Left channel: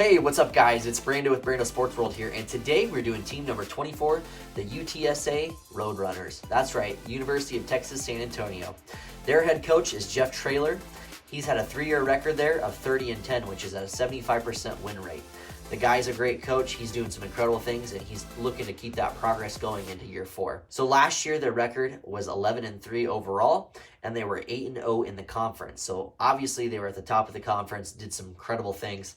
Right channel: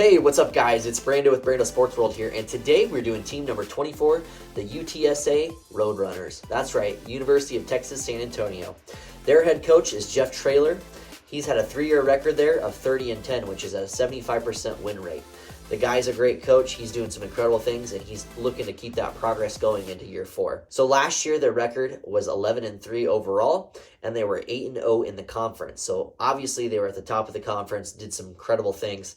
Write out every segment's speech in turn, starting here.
Hey, what's up guys? It's Brando with Brando Sports World here, and today we're doing team number 24, the UTSA RoadRunners. That's right, University of Texas San Antonio. Their head coach is Jeff Traylor. He's had a 3-year record there of 30-10, which is at a 75% win rate. The guy's a great coach. He's doing some incredible things, and he's looking to keep that progress going into year 4. So last year, their record was 11-3 overall, and they were 8-0 in the conference. So obviously, they were at the top of the conference, did some incredible things.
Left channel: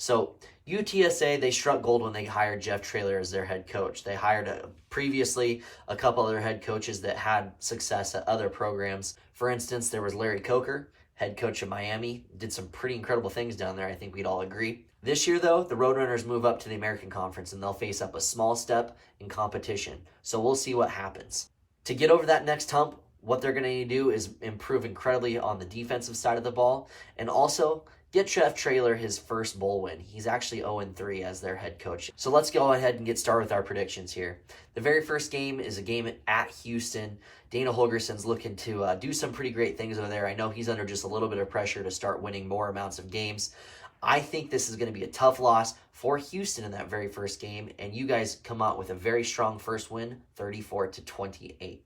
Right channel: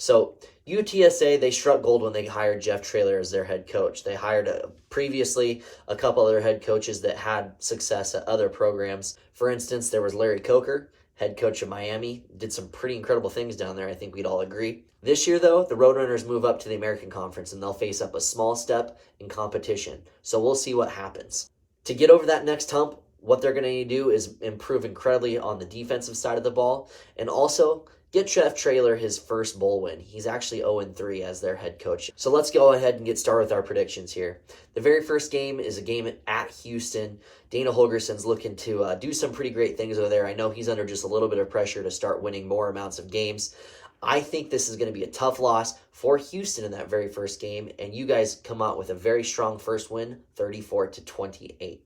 So UTSA, they struck gold when they hired Jeff Traylor as their head coach. They hired previously a couple other head coaches that had success at other programs. For instance, there was Larry Coker, head coach of Miami, did some pretty incredible things down there, I think we'd all agree. This year, though, the Roadrunners move up to the American Conference, and they'll face up a small step in competition. So we'll see what happens. To get over that next hump, what they're going to need to do is improve incredibly on the defensive side of the ball, and also get Jeff Traylor his first bowl win. He's actually 0-3 as their head coach. So let's go ahead and get started with our predictions here. The very first game is a game at Houston. Dana Holgerson's looking to do some pretty great things over there. I know he's under just a little bit of pressure to start winning more amounts of games. I think this is going to be a tough loss for Houston in that very first game, and you guys come out with a very strong first win, 34-28.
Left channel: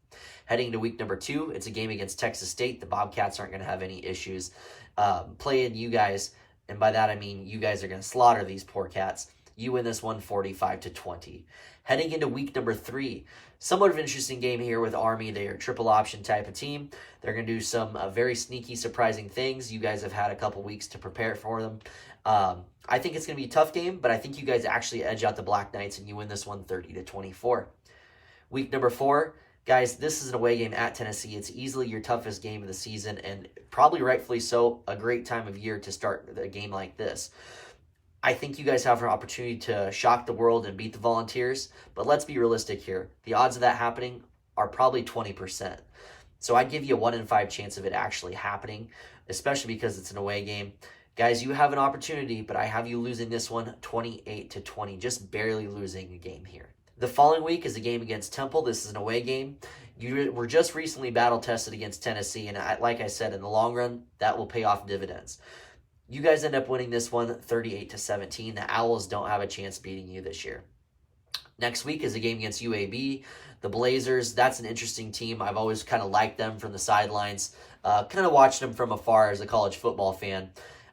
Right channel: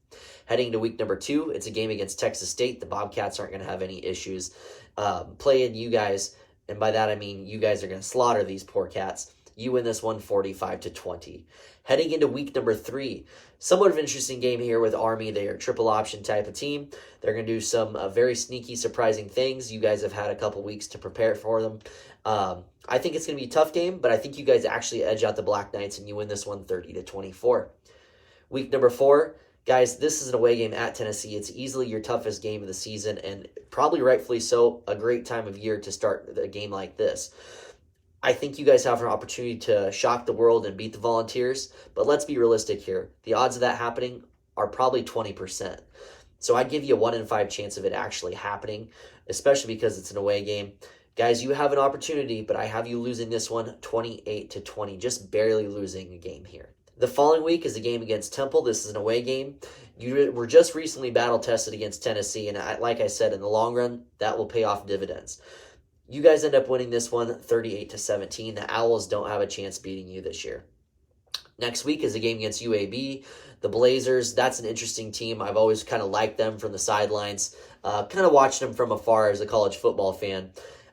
Heading to week number 2, it's a game against Texas State. The Bobcats aren't going to have any issues playing you guys, and by that I mean you guys are going to slaughter these poor cats. You win this one 45-20. Heading into week number 3, somewhat of an interesting game here with Army. They are a triple option type of team. They're going to do some very sneaky, surprising things. You guys have had a couple weeks to prepare for them. I think it's going to be a tough game, but I think you guys actually edge out the Black Knights and you win this one 30-24. Week number 4, guys, this is an away game at Tennessee. It's easily your toughest game of the season, and probably rightfully so, a great time of year to start a game like this. I think you guys have an opportunity to shock the world and beat the Volunteers, but let's be realistic here. The odds of that happening are probably 20%. So I'd give you a 1 in 5 chance of it actually happening, especially because it's an away game. Guys, you have an opportunity, but I have you losing this one 28-20, just barely losing a game here. The following week is a game against Temple. This is an away game. You were just recently battle-tested against Tennessee, and like I said, in the long run, that will pay off dividends. You guys end up winning this one 38-17. The Owls don't have a chance beating you this year. Next week is a game against UAB. The Blazers, that's an interesting team. I've always kind of liked them from the sidelines, kind of watched them from afar as a college football fan.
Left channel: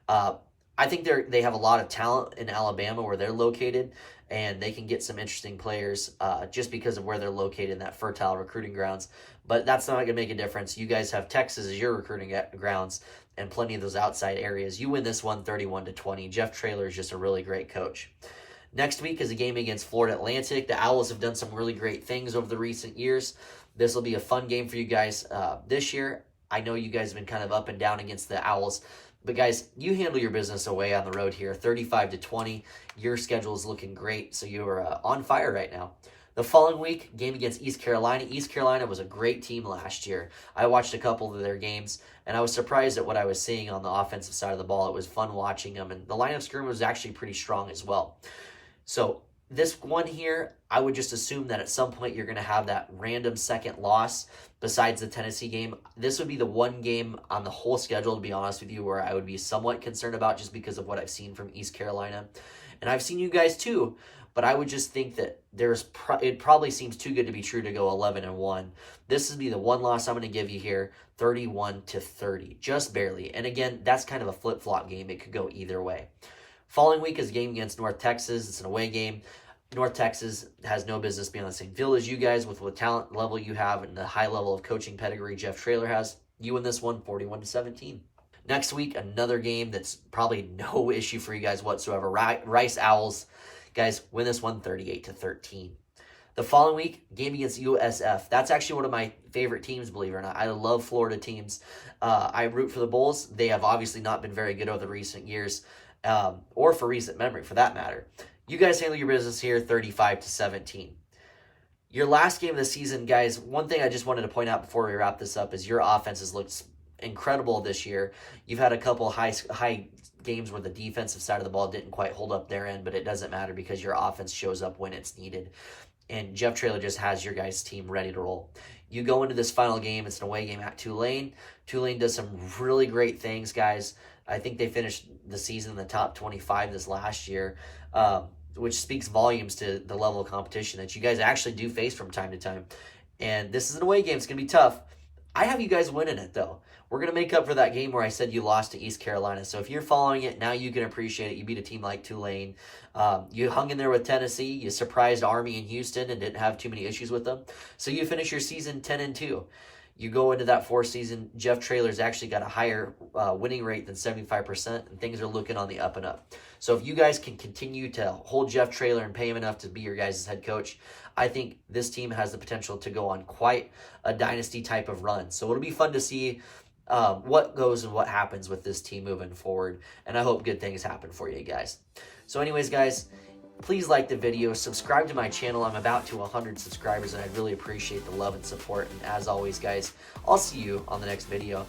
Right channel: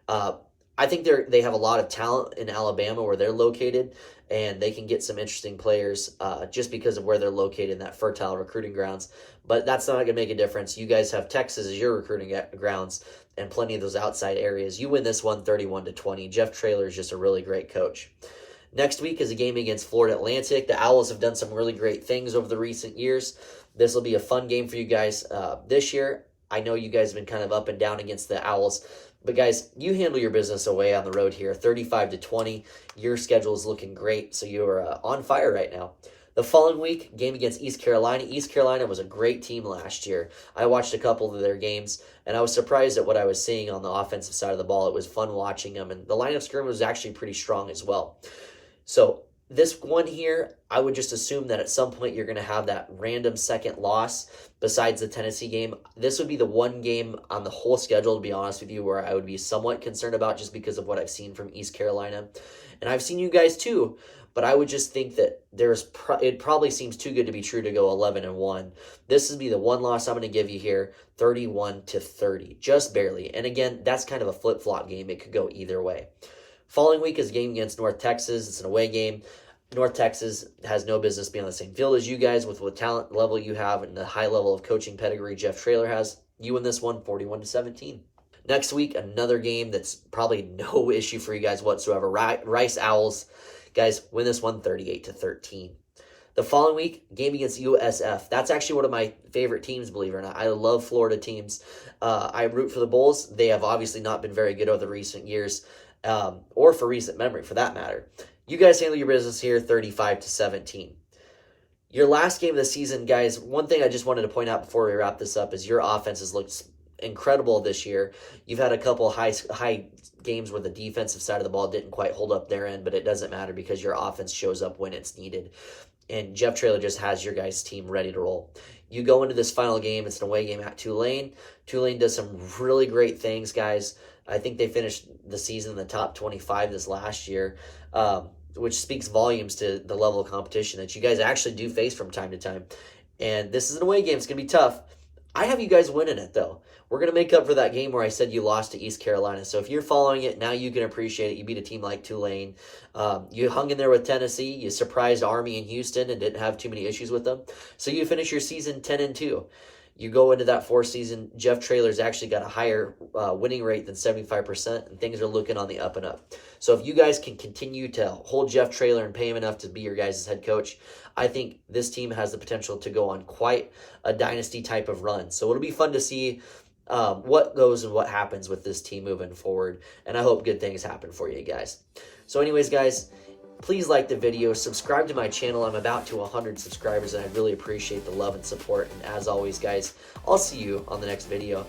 I think they have a lot of talent in Alabama where they're located, and they can get some interesting players just because of where they're located in that fertile recruiting grounds. But that's not going to make a difference. You guys have Texas as your recruiting grounds and plenty of those outside areas. You win this one 31-20. Jeff Traylor is just a really great coach. Next week is a game against Florida Atlantic. The Owls have done some really great things over the recent years. This will be a fun game for you guys this year. I know you guys have been kind of up and down against the Owls, but guys, you handle your business away on the road here, 35-20. Your schedule is looking great, so you're on fire right now. The following week, game against East Carolina. East Carolina was a great team last year. I watched a couple of their games, and I was surprised at what I was seeing on the offensive side of the ball. It was fun watching them, and the line of scrimmage was actually pretty strong as well. So this one here, I would just assume that at some point you're going to have that random second loss besides the Tennessee game. This would be the one game on the whole schedule, to be honest with you, where I would be somewhat concerned about just because of what I've seen from East Carolina. And I've seen you guys too, but I would just think that it probably seems too good to be true to go 11-1. This would be the one loss I'm going to give you here, 31-30, just barely. And again, that's kind of a flip-flop game. It could go either way. Following week is a game against North Texas. It's an away game. North Texas has no business being on the same field as you guys with the talent level you have and the high level of coaching pedigree Jeff Traylor has. You win this one 41-17. Next week, another game that's probably no issue for you guys whatsoever. Rice Owls. Guys, win this one 38-13. The following week, game against USF. That's actually one of my favorite teams, believe it or not. I love Florida teams. I root for the Bulls. They have obviously not been very good over the recent years, or for recent memory, for that matter. You guys handle your business here, 35-17. Your last game of the season, guys, one thing I just wanted to point out before we wrap this up is your offense has looked incredible this year. You've had a couple high games where the defensive side of the ball didn't quite hold up their end, but it doesn't matter because your offense shows up when it's needed. And Jeff Traylor just has your guys' team ready to roll. You go into this final game, it's an away game at Tulane. Tulane does some really great things, guys. I think they finished the season in the top 25 this last year, which speaks volumes to the level of competition that you guys actually do face from time to time. And this is an away game. It's going to be tough. I have you guys winning it, though. We're going to make up for that game where I said you lost to East Carolina. So if you're following it, now you can appreciate it. You beat a team like Tulane. You hung in there with Tennessee. You surprised Army in Houston and didn't have too many issues with them. So you finish your season 10-2. You go into that fourth season, Jeff Traylor's actually got a higher winning rate than 75%, and things are looking on the up and up. So if you guys can continue to hold Jeff Traylor and pay him enough to be your guys' head coach, I think this team has the potential to go on quite a dynasty type of run. So it'll be fun to see what goes and what happens with this team moving forward, and I hope good things happen for you guys. So anyways, guys, please like the video, subscribe to my channel. I'm about to 100 subscribers, and I really appreciate the love and support. And as always, guys, I'll see you on the next video.